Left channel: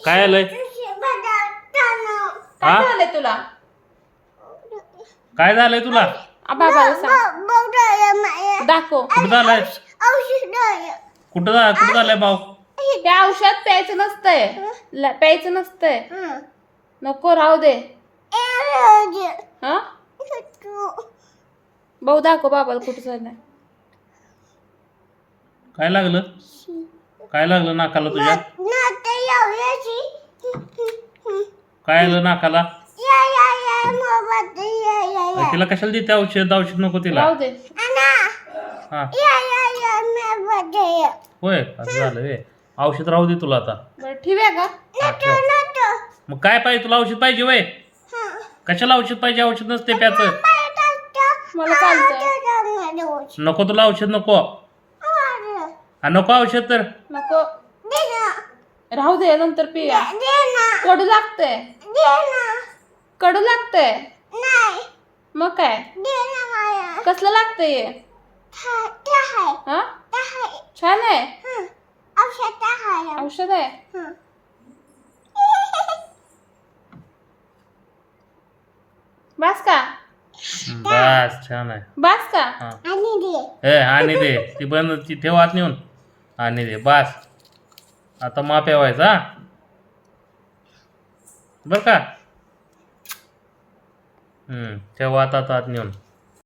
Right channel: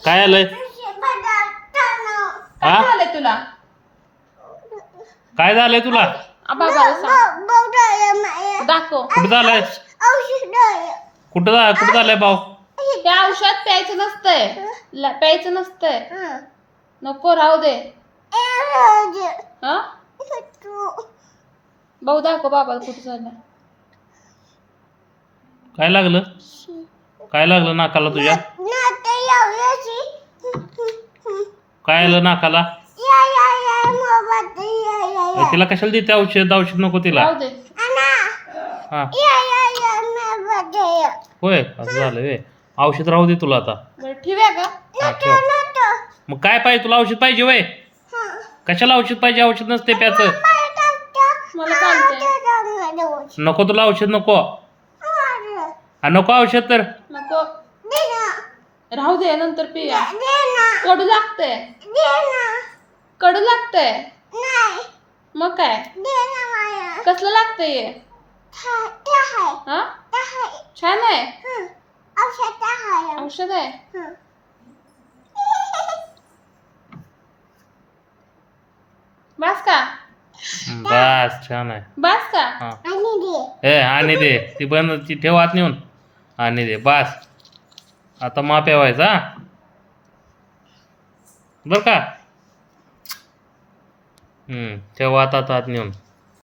काय आलंय? काय हा? झालंय तुला? काय झालंय तुला? बाबाला सांग. दाखव. कुठं झालंय? कुठं झालंय भाऊ? ते औषध प्यायचं नसतंय. प्यायचं नसतंय. नको राहू दे. हा भाऊ दाखव बाबाला कुठं झालंय. काय लागलं? काय लागलं नाकाला तुझ्या? काय आलं नाकाला? तिला कशाला देते औषध? औषध नको तिला. राहू दे. हा होय असं झालं वे. औषध राहू दे तुला आता. बरं ठेवूया का? हा, ठेव. मग काय पाहिजे तुला? औषध पाहिजे वय? कशाला औषध पाहिजे? औषध नसते प्याचं. मला चालतंय. नको तुला औषध नको. हा नको औषध तर. नको. राहू दे नंतर पिऊया. कडू लागतंय. कडू लागतंय. मग काय? कसलं लागतंय हे? हा छान आहे. औषध आहे. बस का? बस छान आहे. बस का? हा आणि दे ती बंद ती ठेव आत नेऊन. आणि दे बस. आता माप ठेवायचा बर का. ठेव आत नेऊन.